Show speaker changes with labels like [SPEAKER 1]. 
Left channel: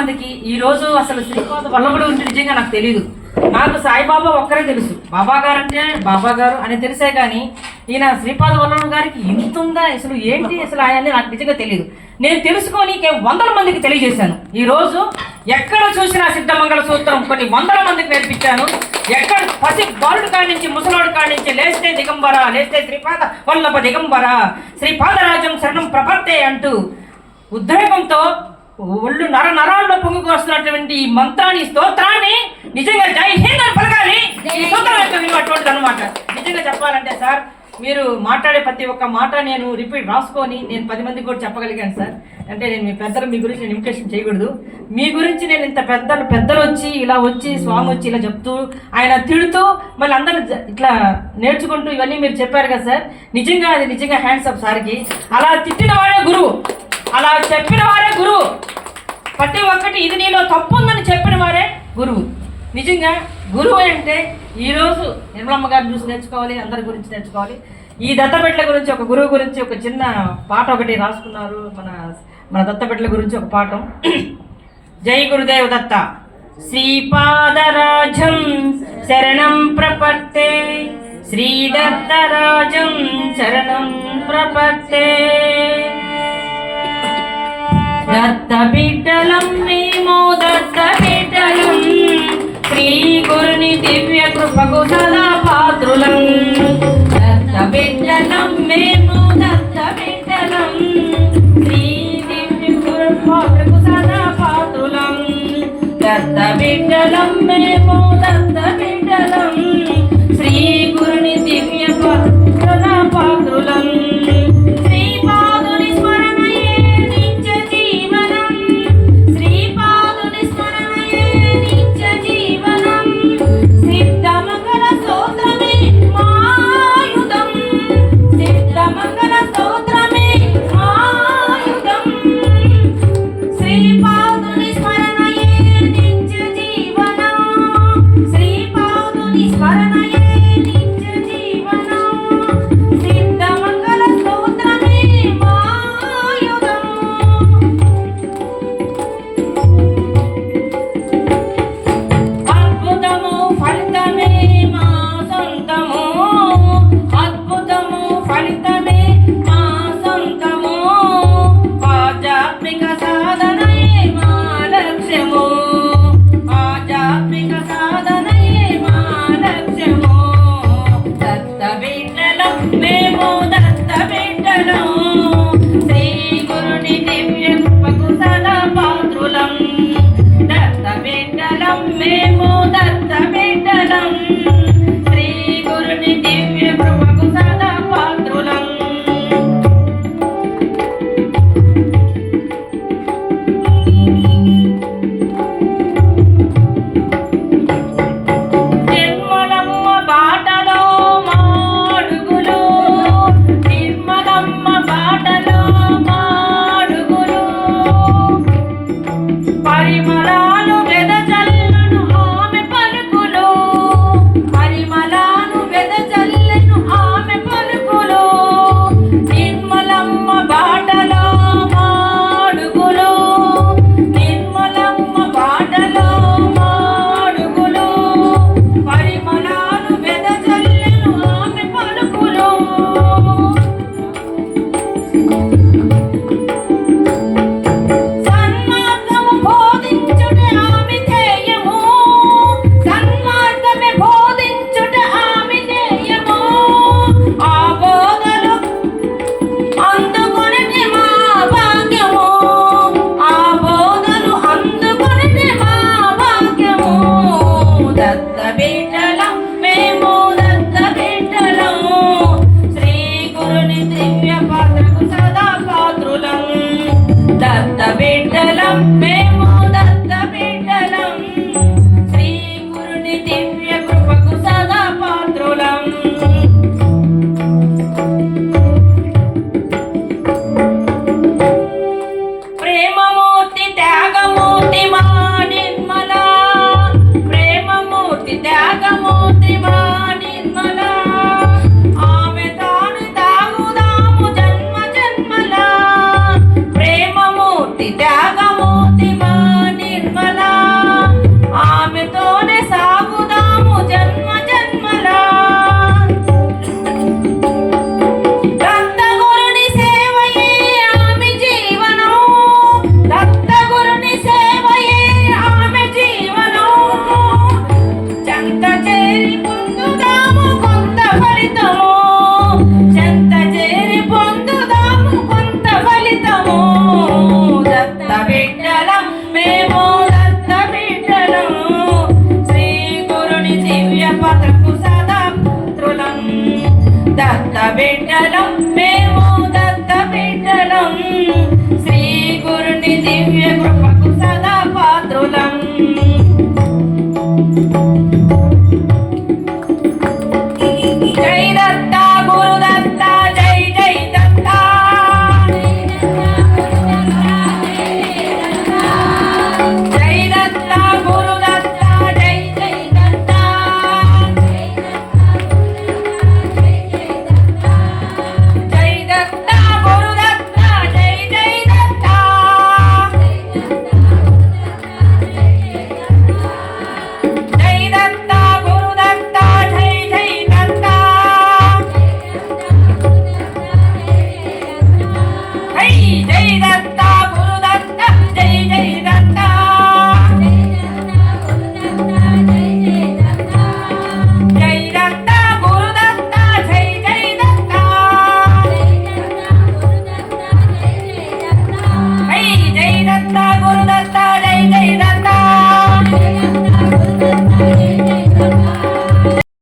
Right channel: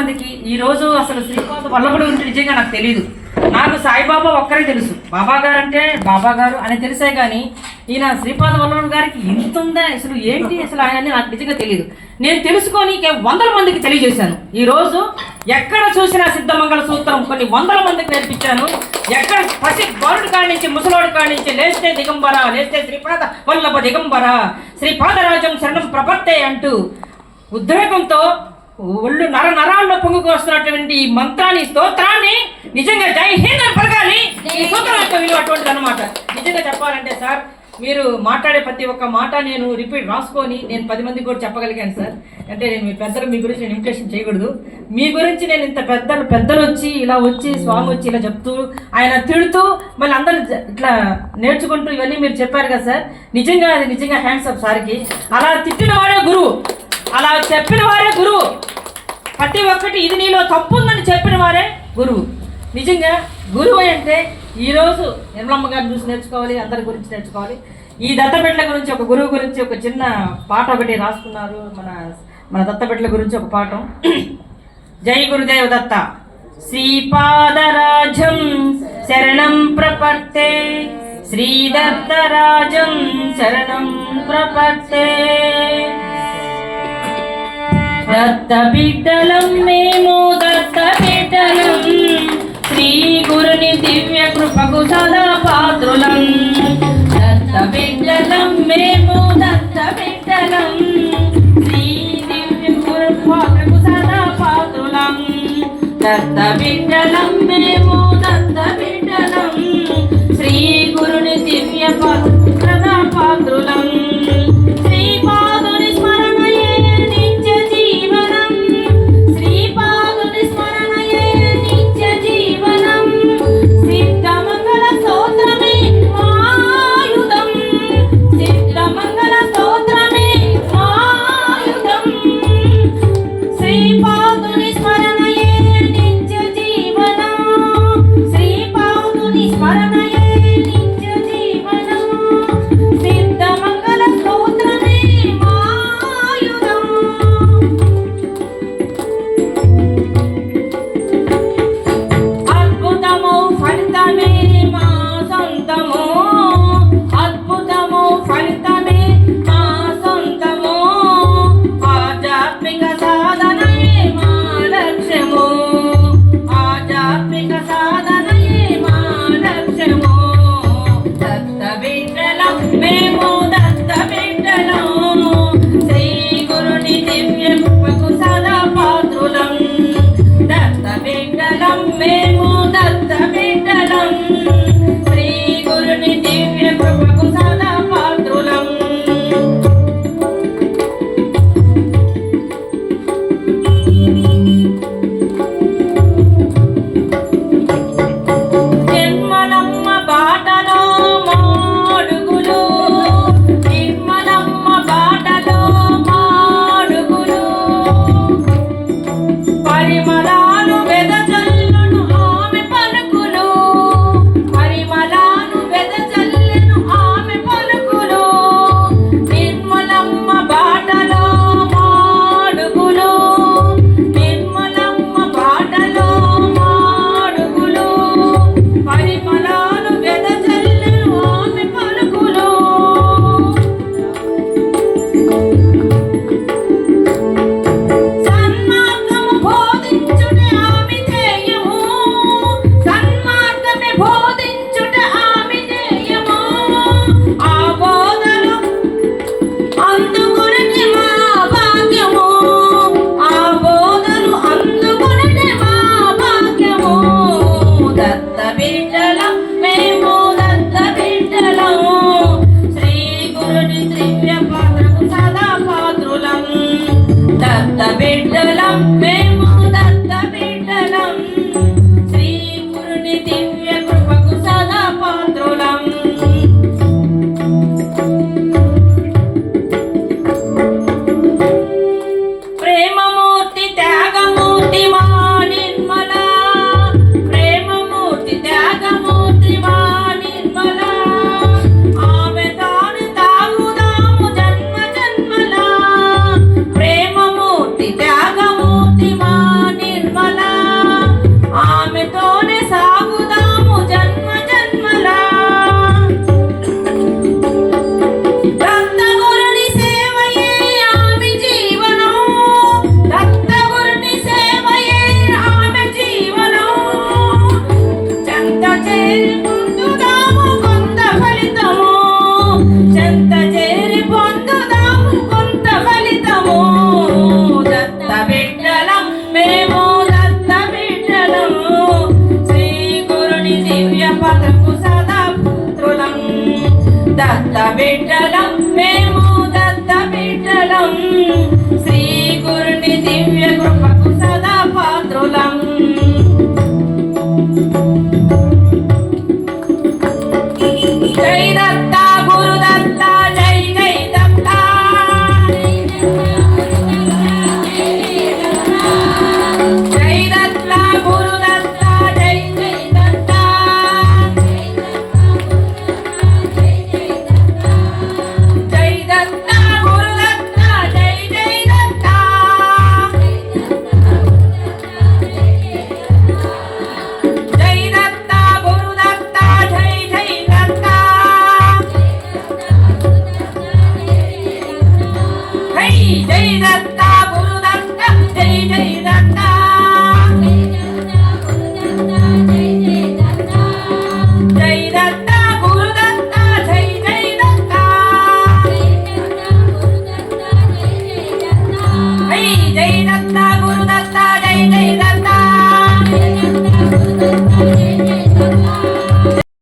[SPEAKER 1] మందికి ఈ రోజు అసలు శ్రీపాద వల్లభుడు ఉంటే నిజంగా నాకు తెలియదు నాకు సాయిబాబా ఒక్కరే తెలుసు. బాబా గారు అంటే బాబా గారు అని తెలిసే కానీ ఈయన శ్రీపాద వల్లభుడు గారికి ఇంత ఉందా? అసలు ఏంటి? అసలు ఆయన నాకు నిజంగా తెలియదు నేను తెలుసుకొని వందల మందికి తెలియజేశాను. ఈ రోజు ఎక్కడ చూసినా సిద్ధమంగళ సూత్రం కొన్ని వందల మందికి నేర్పించాను. ఎక్కడ పసి బారుడు కాడి నుంచి ముసలాడు కాడి నుంచి లేస్తే దిగంబర లేస్తే శ్రీపాద వల్లభ దిగంబర శ్రీపాదరాజం శరణం ప్రపత్తే అంటూ ఉద్రేకంతో ఒళ్ళు నర నరాల్లో పొంగుకొస్తున్నటువంటి ఈ మంత్రాన్ని స్తోత్రాన్ని నిజంగా జై హింద్ అని పలకాలి. ఈ అనమాట నిజంగా చెప్పాలంటే సార్ మీరు మాట్లాడే ప్రతి ఒక్క మాట నేను రిపీట్ రాసుకొని నేను పది మందికి కూడా చెప్పగలిగాను సార్. అంటే నేను మీ పెద్దలు మీ గురించి నేను ఇన్విటేషన్ చేయకూడదు. మీ గురించి నేను ఇంత పెద్దలు పెద్దలు వచ్చి ఇలా వచ్చి స్వామి వచ్చి ఇలా చెప్తూ ఆయన తిడుతూ మళ్ళీ అందరూ ఇట్లా నేర్చుకుంటూ ఇవన్నీ మీరు చెప్పారు కదా సార్. నిజంగా అది నిజంగా హ్యాండ్స్ అప్ సార్కి. అలా తిట్టిన వాడే గురువు. అలా చెప్పిన వారే గురువు. ప్రతి ఒక్కటి ఇది నీలో తప్పు ఉందని చెప్పిన వారే గురువు. నిజంగా గురువు అంటే ఈరోజు నిర్మలమ్మ గారి చూసి నేర్చుకోవాలి అందరి గురించి నేర్చుకోవాలి. ఈ దత్తపెట్ల గురించి ఒక గురువు గురించి ఒక చిన్న పాట ఒకటి రాసుకున్నారు మన మన దత్తపెట్ల గురించి ఒక పాఠం జై గురుదేవ దత్త. శ్రీపాదరాజం శరణం ప్రపత్తే. శ్రీదత్తరాజం శరణం ప్రపత్తే. దత్త బిడ్డలం మేము దత్త బిడ్డలం. శ్రీ గురుని దివ్య కృపకు సదా పాత్రులం దత్త బిడ్డలం మేము దత్త బిడ్డలం. శ్రీ దివ్య కృపకు సదా పాత్రులం దత్త బిడ్డలం బిడ్డలం జై జై దత్త